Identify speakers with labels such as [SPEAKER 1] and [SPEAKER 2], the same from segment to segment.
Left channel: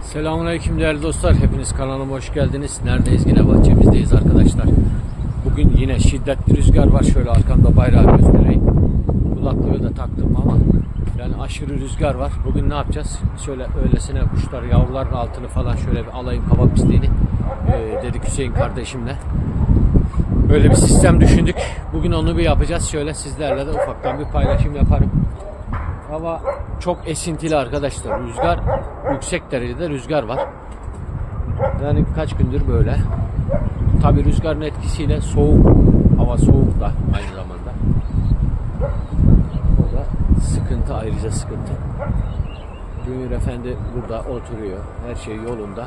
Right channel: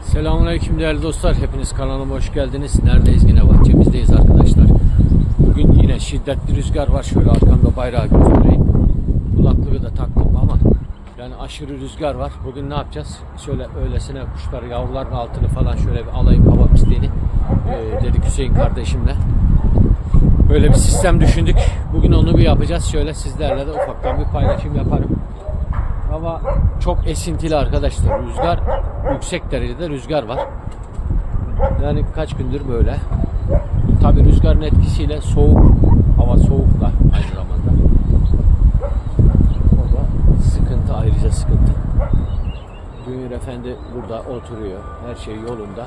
[SPEAKER 1] Selamünaleyküm değerli dostlar. Hepiniz kanalıma hoş geldiniz. Neredeyiz? Yine bahçemizdeyiz arkadaşlar. Bugün yine şiddetli rüzgar var. Şöyle arkamda bayrağı göstereyim. Kulaklığı da taktım ama yani aşırı rüzgar var. Bugün ne yapacağız? Şöyle öylesine kuşlar, yavruların altını falan şöyle bir alayım hava pisliğini. Ee, dedik Hüseyin kardeşimle. Böyle bir sistem düşündük. Bugün onu bir yapacağız. Şöyle sizlerle de ufaktan bir paylaşım yaparım. Hava çok esintili arkadaşlar. Rüzgar yüksek derecede rüzgar var. Yani kaç gündür böyle. Tabi rüzgarın etkisiyle soğuk, hava soğuk da aynı zamanda. O da sıkıntı ayrıca sıkıntı. Junior Efendi burada oturuyor. Her şey yolunda.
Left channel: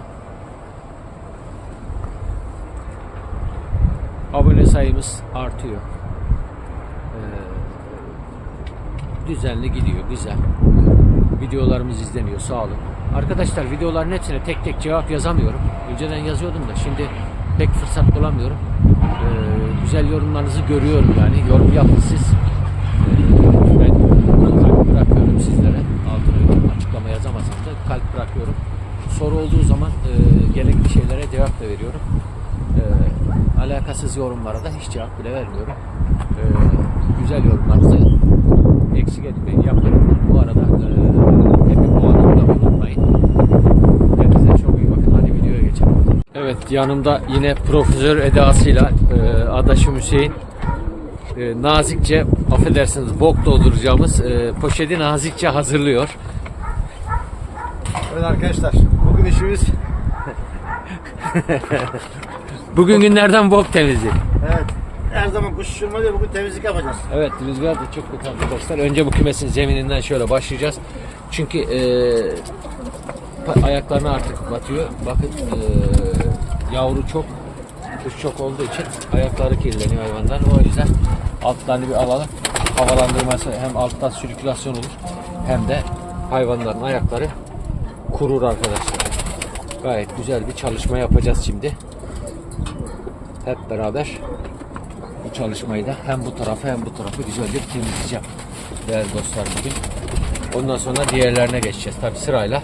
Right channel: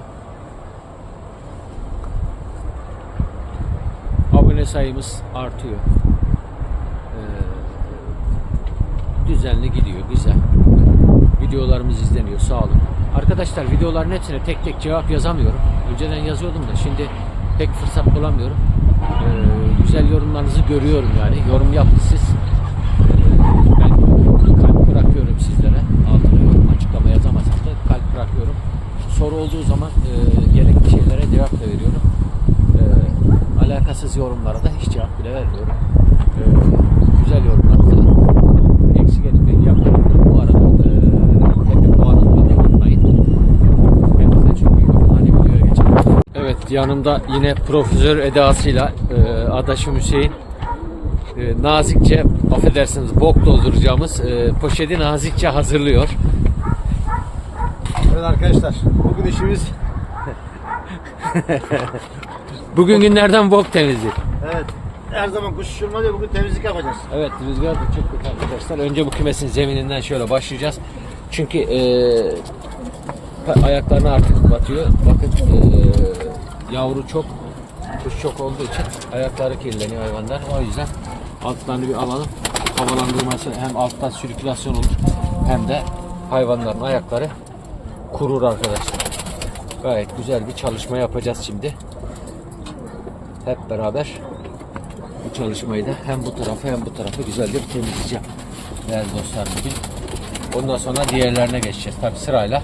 [SPEAKER 1] Abone sayımız artıyor. Ee, düzenli gidiyor. Güzel. Videolarımız izleniyor. Sağ olun. Arkadaşlar videoların hepsine tek tek cevap yazamıyorum. Önceden yazıyordum da şimdi pek fırsat bulamıyorum. Ee, güzel yorumlarınızı görüyorum yani. Yorum yapın siz. Ee, ben kalp bırakıyorum sizlere. Altına yorum açıklama yazamasam da kalp bırakıyorum. Soru olduğu zaman e, gerekli şeylere cevap da veriyorum. Ee, alakasız yorumlara da hiç cevap bile vermiyorum. Ee, güzel yorumlarınızı etmeyin yapmayın. Bu arada e, Happy puanını da unutmayın. Kendinize çok iyi bakın. Hadi videoya geçelim. Evet yanımda yine profesör edasıyla e, adaşım Hüseyin e, nazikçe affedersiniz bok dolduracağımız e, poşeti nazikçe hazırlıyor.
[SPEAKER 2] Evet arkadaşlar, bugün işimiz
[SPEAKER 1] Bugün günlerden bok temizliği.
[SPEAKER 2] evet her zaman kuş uçurma değil, bugün temizlik yapacağız.
[SPEAKER 1] Evet rüzgar da çok kötü arkadaşlar. Önce bu kümesin zemininden şöyle başlayacağız. Çünkü e, ayaklarına artık batıyor. Bakın e, yavru çok, kuş çok olduğu için ayakları kirleniyor hayvanlar. O yüzden altlarını bir alalım. Havalandırması hem alttan sirkülasyon olur hem de hayvanların ayakları kurur arkadaşlar. Gayet güzel bir çalışma yapacağız şimdi. Hep beraber bu çalışmayı da hem bu tarafı hem bu tarafı güzelce temizleyeceğim. Değerli dostlar bugün. Ondan sonra diğerlerine geçeceğiz. Tabi sırayla.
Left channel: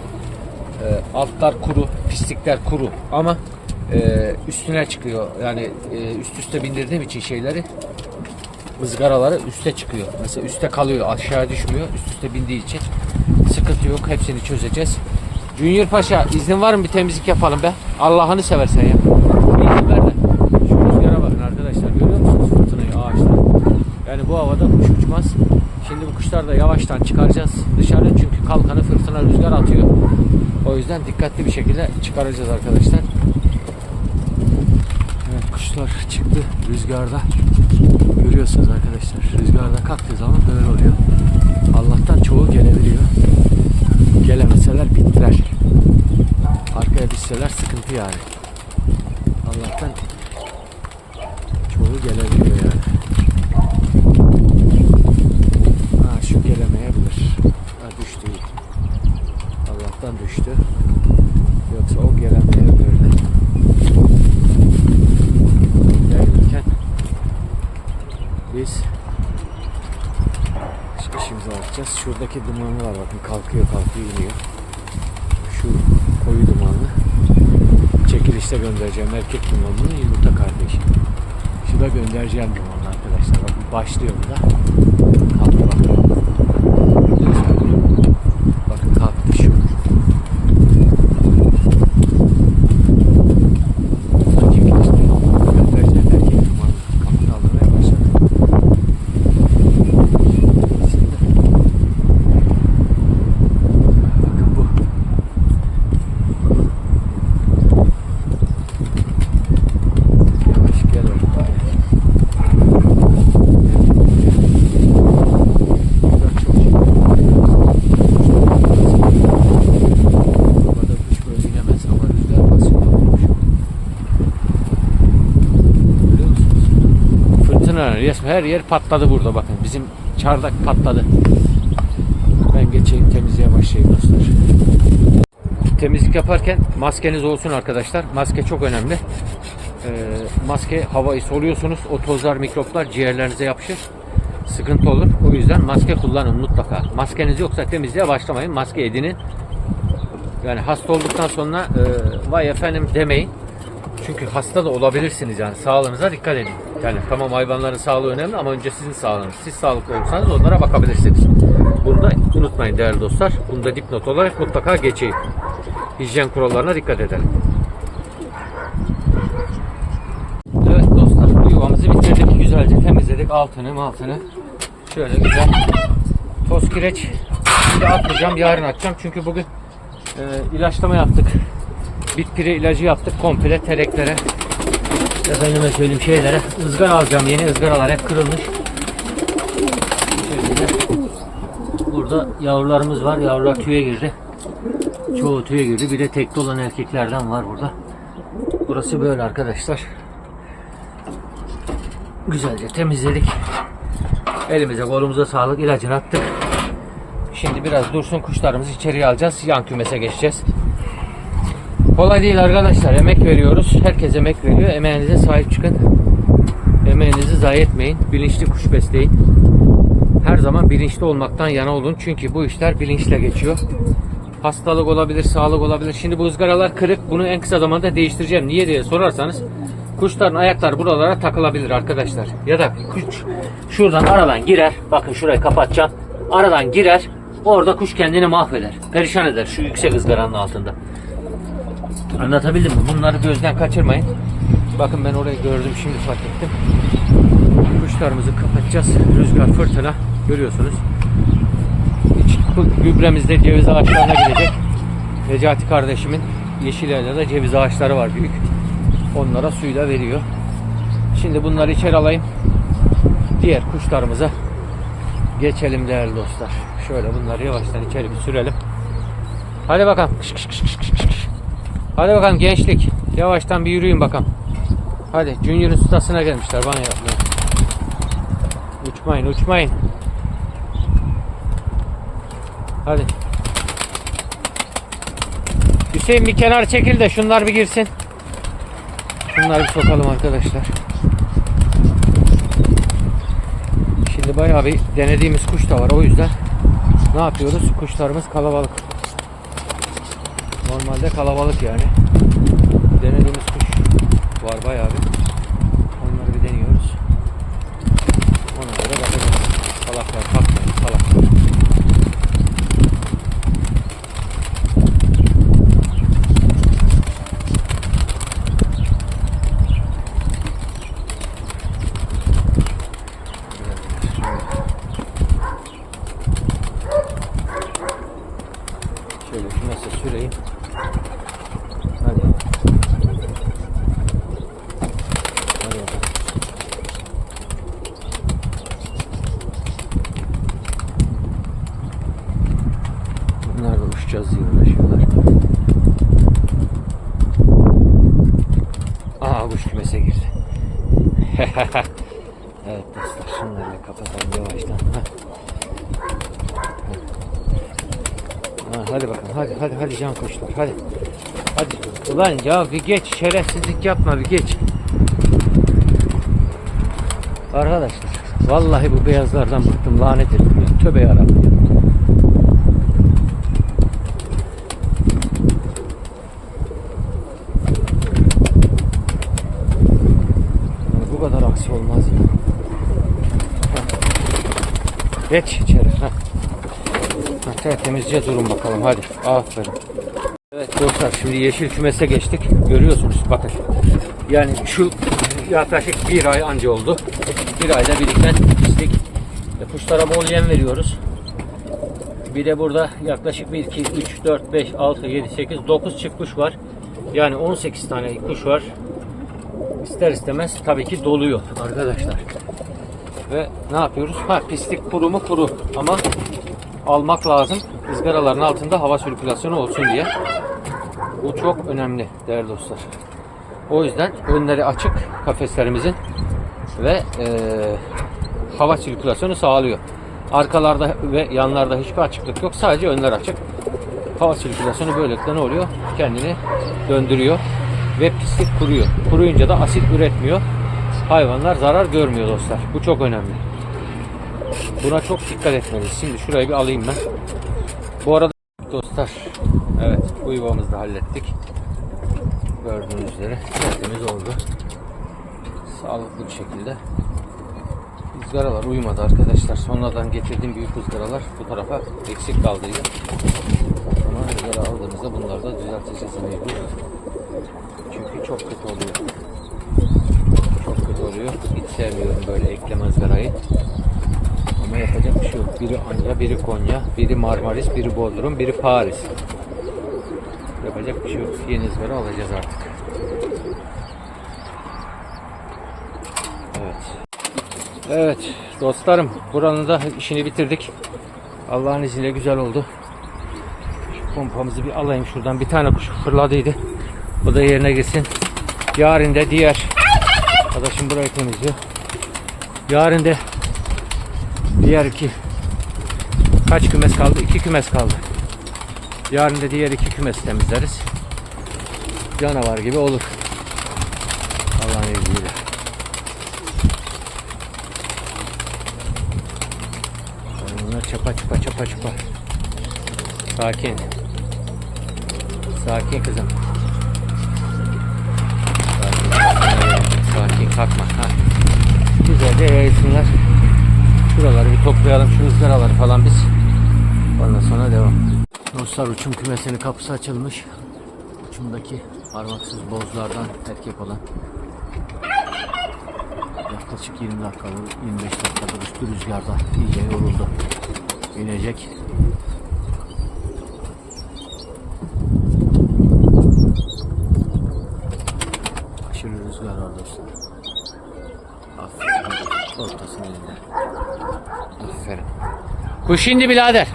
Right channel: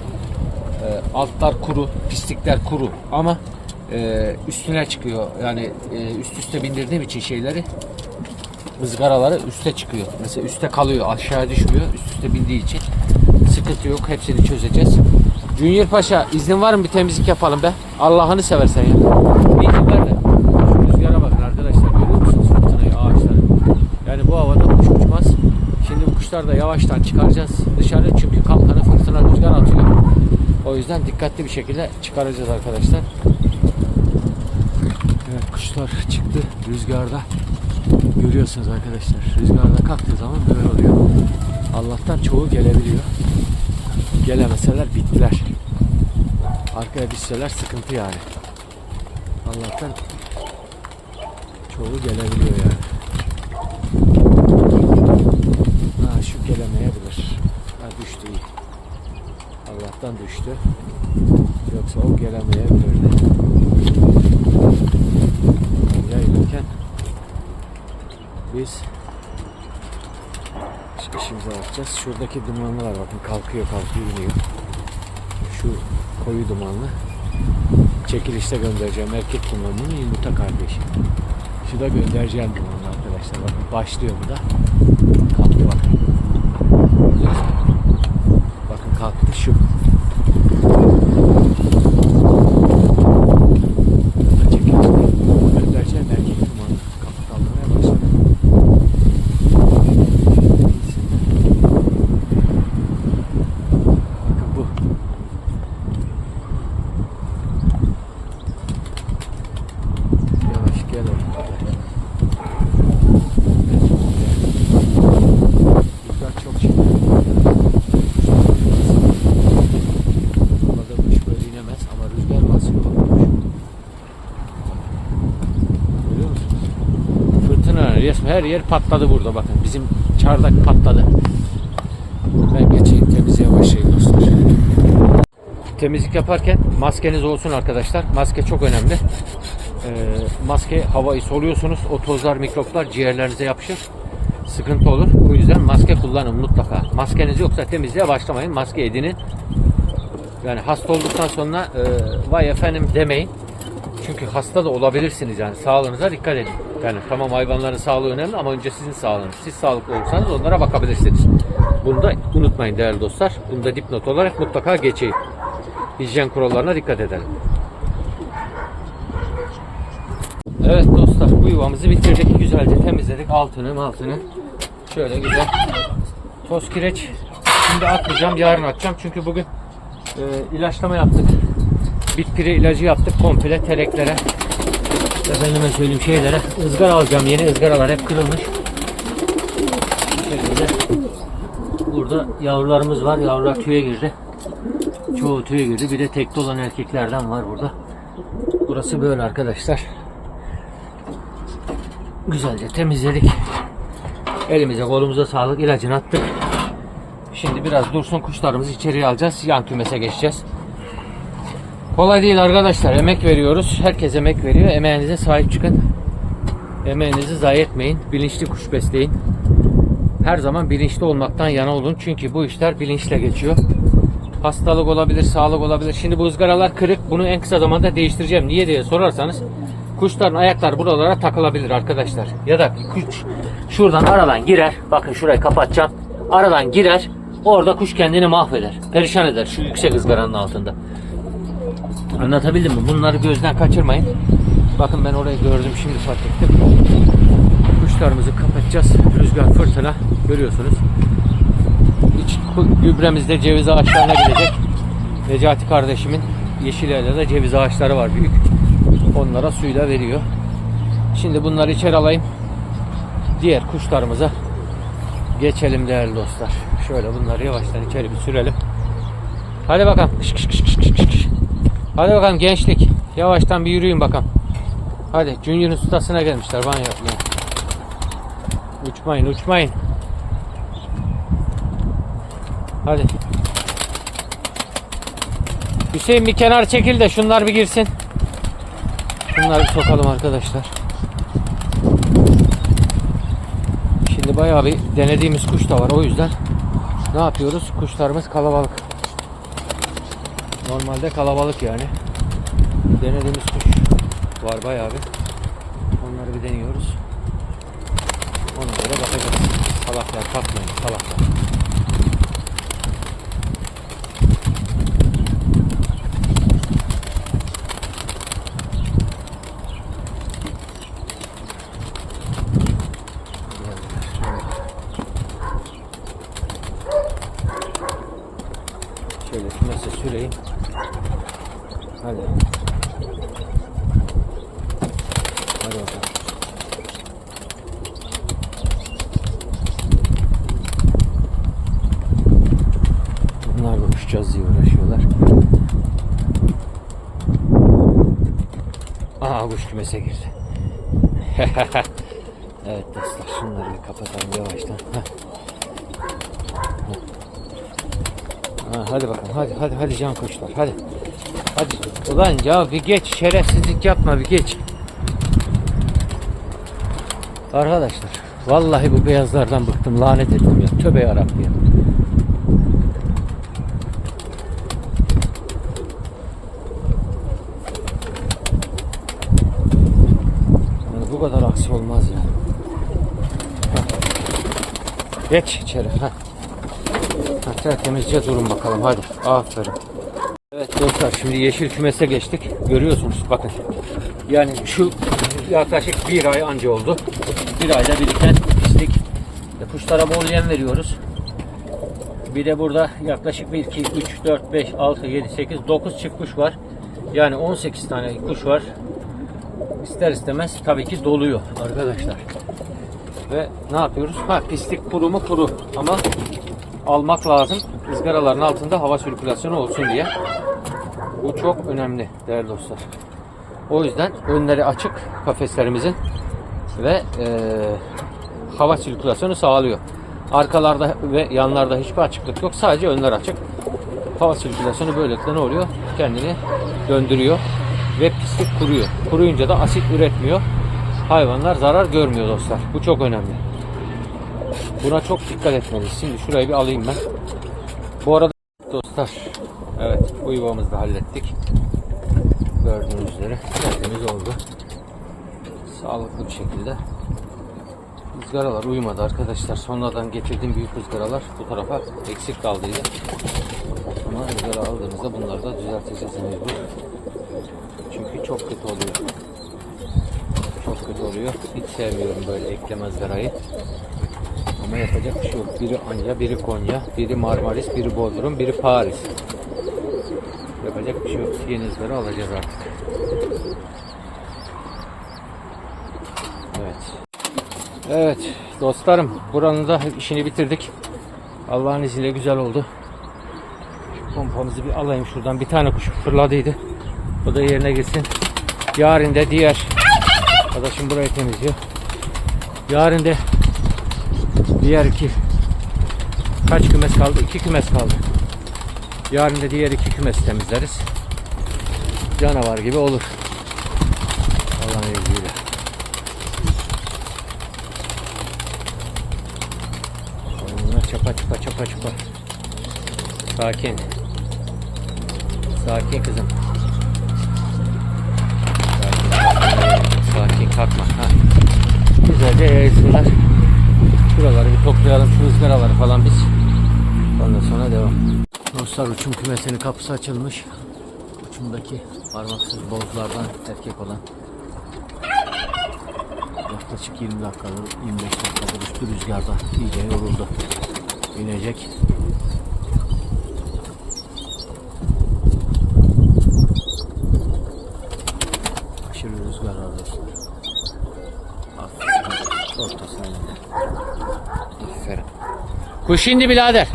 [SPEAKER 1] Ee, altlar kuru, pislikler kuru ama e, üstüne çıkıyor. Yani e, üst üste bindirdiğim için şeyleri ızgaraları üste çıkıyor. Mesela üste kalıyor, aşağı düşmüyor. Üst üste bindiği için sıkıntı yok. Hepsini çözeceğiz. Junior Paşa izin var mı bir temizlik yapalım be? Allah'ını seversen ya. Bir izin ver de. Şu rüzgara bakın arkadaşlar. Görüyor musunuz fırtınayı, ağaçları? Yani bu havada kuş uçmaz. Şimdi bu kuşları da yavaştan çıkaracağız dışarı. Çünkü kalkanı fırtına rüzgar atıyor. O yüzden dikkatli bir şekilde çıkaracağız arkadaşlar. Evet kuşlar çıktı rüzgarda. Görüyorsunuz arkadaşlar. Rüzgarda kalktığı zaman böyle oluyor. Allah'tan çoğu gelebiliyor. Gelemeseler bittiler. Arkaya düşseler sıkıntı yani. Allah'tan çoğu gelebiliyor yani. Gelemeyebilir. Ha düştü iyi. Allah'tan düştü. Yoksa o gelemeyebilirdi. Yayılırken biz iş- işimize bakacağız. Şuradaki dumanlı bakın kalkıyor kalkıyor iniyor. Şu koyu dumanlı çekilişte göndereceğim erkek dumanının yumurta kardeşi. Şu da göndereceğim dumanlı arkadaşlar. Bakın başlıyor bu da. Kalktı bakın. Gördünüz mü? Bakın kalktı şu. Bu da çekilişte göndereceğim erkek dumanlı. Kafa kaldırmaya başladı. Bakın bu. Yavaş gel oğlum. Rüzgar çok çekti. Havada kuş böyle inemez ama rüzgar basıyor. Bakın kuş. Bak. Görüyor musunuz? Fırtına resmen her yer patladı burada bakın. Bizim çardak patladı. Ben geçeyim temizliğe başlayayım dostlar. Temizlik yaparken maskeniz olsun arkadaşlar. Maske çok önemli. Ee, maske havayı soluyorsunuz. O tozlar, mikroplar ciğerlerinize yapışır. Sıkıntı olur. O yüzden maske kullanın mutlaka. Maskeniz yoksa temizliğe başlamayın. Maske edinin. Yani hasta olduktan sonra e, vay efendim demeyin. Çünkü hasta da olabilirsiniz yani sağlığınıza dikkat edin. Yani tamam hayvanların sağlığı önemli ama önce sizin sağlığınız. Siz sağlıklı olursanız onlara bakabilirsiniz. Bunu da unutmayın değerli dostlar. Bunu da dipnot olarak mutlaka geçeyim. Hijyen kurallarına dikkat edelim. Evet dostlar bu yuvamızı bitirdik. Güzelce temizledik altını altını. Şöyle güzel. Toz kireç. Şimdi atmayacağım yarın atacağım. Çünkü bugün e, ilaçlama yaptık. Bitpiri ilacı yaptık komple tereklere. Efendime söyleyeyim şeylere. ızgara alacağım. Yeni ızgaralar hep kırılmış. Bu şekilde. Burada yavrularımız var. Yavrular tüye girdi. Çoğu tüye girdi. Bir de tekli olan erkeklerden var burada. Burası böyle arkadaşlar. Güzelce temizledik. Elimize kolumuza sağlık ilacını attık. Şimdi biraz dursun kuşlarımızı içeriye alacağız. Yan kümese geçeceğiz. Kolay değil arkadaşlar. Emek veriyoruz. Herkes emek veriyor. Emeğinize sahip çıkın. Emeğinizi zayi etmeyin. Bilinçli kuş besleyin. Her zaman bilinçli olmaktan yana olun. Çünkü bu işler bilinçle geçiyor. Hastalık olabilir, sağlık olabilir. Şimdi bu ızgaralar kırık. Bunu en kısa zamanda değiştireceğim. Niye diye sorarsanız kuşların ayakları buralara takılabilir arkadaşlar. Ya da kuş şuradan aradan girer. Bakın şurayı kapatacağım. Aradan girer. Orada kuş kendini mahveder. Perişan eder şu yüksek ızgaranın altında. Anlatabildim mi? Bunları gözden kaçırmayın. Bakın ben orayı gördüm şimdi fark ettim. Kuşlarımızı kapatacağız. Rüzgar fırtına görüyorsunuz. İç gübremiz de ceviz ağaçlarına gidecek. Necati kardeşimin yeşil de ceviz ağaçları var büyük. Onlara suyla veriyor. Şimdi bunları içeri alayım. Diğer kuşlarımıza geçelim değerli dostlar. Şöyle bunları yavaştan içeri bir sürelim. Hadi bakalım. Kış, kış, kış, kış, kış. Hadi bakalım gençlik. Yavaştan bir yürüyün bakalım. Hadi Junior'ın ustasına gelmişler banyo yapmaya. Uçmayın uçmayın. Hadi. Hüseyin bir kenar çekil de şunlar bir girsin. Şunları bir sokalım arkadaşlar. Şimdi bayağı bir denediğimiz kuş da var o yüzden ne yapıyoruz? Kuşlarımız kalabalık. Normalde kalabalık yani. Denediğimiz kuş var bayağı bir. Onları bir deniyoruz. Ona göre bakacağız. Salaklar kalkmayın salaklar. Şöyle kümese süreyim. Hadi. Hadi bakalım. Bunlar da uçacağız diye uğraşıyorlar. Aha kuş kümese girdi. evet dostlar şunları bir kapatalım yavaştan. Heh. Ha, hadi bakalım hadi hadi hadi can kuşlar hadi. Hadi ulan ya bir geç şerefsizlik yapma bir geç. Arkadaşlar vallahi bu beyazlardan bıktım lanet ediyorum ya. Tövbe yarabbim ya. Yani olmaz ya. Heh. Geç içeri. Heh. Ha, tertemizce durun bakalım hadi. Aferin. Evet dostlar şimdi yeşil kümese geçtik. Görüyorsunuz bakın. Yani şu yaklaşık bir ay anca oldu. Bir ayda biriken pislik. E, kuşlara bol yem veriyoruz. Bir de burada yaklaşık 1, 2, 3, 4, 5, 6, 7, 8, 9 çift kuş var. Yani 18 tane kuş var. İster istemez tabii ki doluyor arkadaşlar. Ve ne yapıyoruz? Ha pislik kuru mu kuru ama almak lazım. ızgaraların altında hava sirkülasyonu olsun diye. Bu çok önemli değerli dostlar. O yüzden önleri açık kafeslerimizin ve eee, hava sirkülasyonu sağlıyor. Arkalarda ve yanlarda hiçbir açıklık yok. Sadece önler açık. Hava sirkülasyonu böylelikle ne oluyor? Kendini döndürüyor ve pislik kuruyor. Kuruyunca da asit üretmiyor. Hayvanlar zarar görmüyor dostlar. Bu çok önemli. Buna çok dikkat etmeliyiz. Şimdi şurayı bir alayım ben. Bu arada dostlar. Evet bu yuvamızı da hallettik. Gördüğünüz üzere tertemiz oldu. Sağlıklı bir şekilde. Izgaralar uyumadı arkadaşlar. Sonradan getirdiğim büyük ızgaralar bu tarafa eksik kaldıydı. Ama ızgara aldığımızda bunları da düzelteceğiz mecbur. Çünkü çok kötü oluyor. Çok kötü oluyor. Hiç sevmiyorum böyle ekleme ızgarayı. Ama yapacak bir şey yok. Biri Anya, biri Konya, biri Marmaris, biri Bodrum, biri Paris. Yapacak bir şey yok. Yeni ızgara alacağız artık. Evet. Evet dostlarım buranın da işini bitirdik. Allah'ın izniyle güzel oldu. Pompamızı bir alayım şuradan. Bir tane kuş fırladıydı. O da yerine gitsin. Yarın da diğer arkadaşım burayı temizliyor. Yarın da diğer iki kaç kümes kaldı? İki kümes kaldı. Yarın da diğer iki kümes temizleriz. Canavar gibi olur. Allah'ın izniyle. Bunlar çapa çapa çapa çapa. Sakin. Sakin kızım. Sakin, sakin, kalkma. Ha. Güzelce yayılsınlar. Şuraları bir toplayalım. Şu ızgaraları falan biz. Ondan sonra devam. Dostlar uçum kümesinin kapısı açılmış. Uçumdaki parmaksız bozlardan erkek olan yaklaşık 20 dakikadır, 25 dakikadır üstü rüzgarda iyice yoruldu. İnecek. Aşırı dostlar. Aferin. Ortasına indi. Aferin. Kuş indi birader.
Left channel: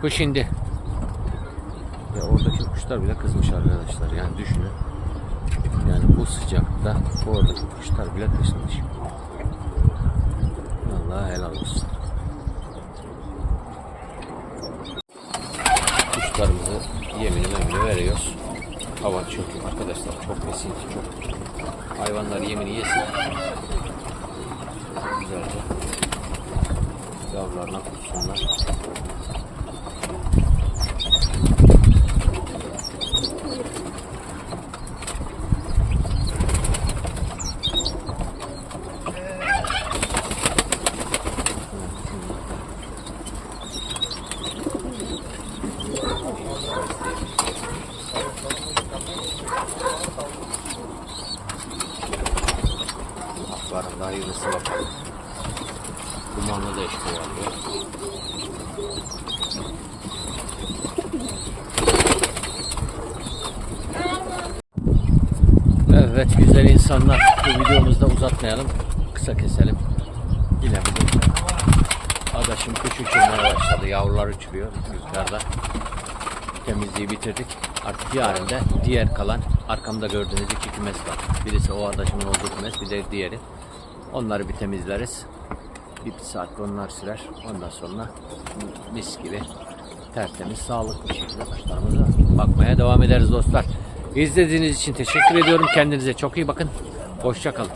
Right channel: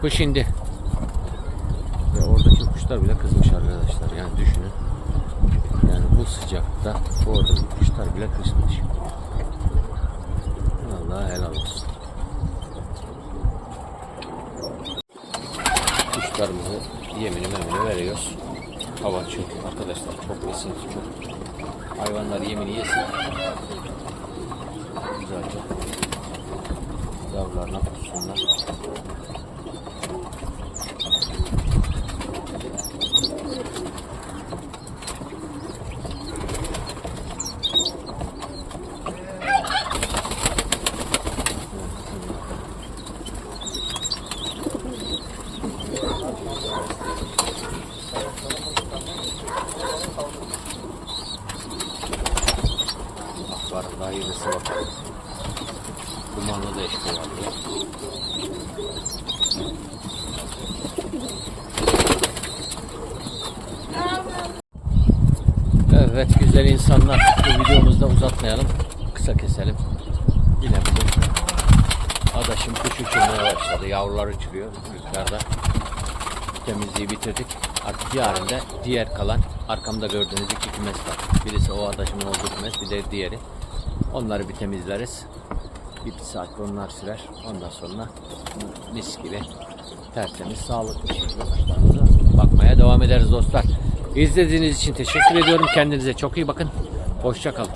[SPEAKER 1] Kuş indi. Ya oradaki kuşlar bile kızmış arkadaşlar. Yani düşünün. Yani bu sıcakta oradaki kuşlar bile kızmış. Allah helal olsun. Kuşlarımızı yemini memini veriyoruz. Hava çünkü arkadaşlar çok esinti çok. Hayvanlar yemini yesin. Güzelce. Yavrularına kussunlar. Yürüsü bakalım. Dumanlı da eş kovalıyor. Evet güzel insanlar bu videomuzda uzatmayalım. Kısa keselim. Yine bugün adaşım küçültülmeye başladı. Yavrular uçuruyor rüzgarda. Temizliği bitirdik. Artık yarın da diğer kalan arkamda gördüğünüz iki kümes var. Birisi o adaşımın olduğu kümes bir de diğeri. Onları bir temizleriz. Bir, bir saatte onlar sürer. Ondan sonra mis gibi tertemiz, sağlıklı şekilde kuşlarımıza bakmaya devam ederiz dostlar. İzlediğiniz için teşekkür ediyorum. Kendinize çok iyi bakın. Hoşça kalın.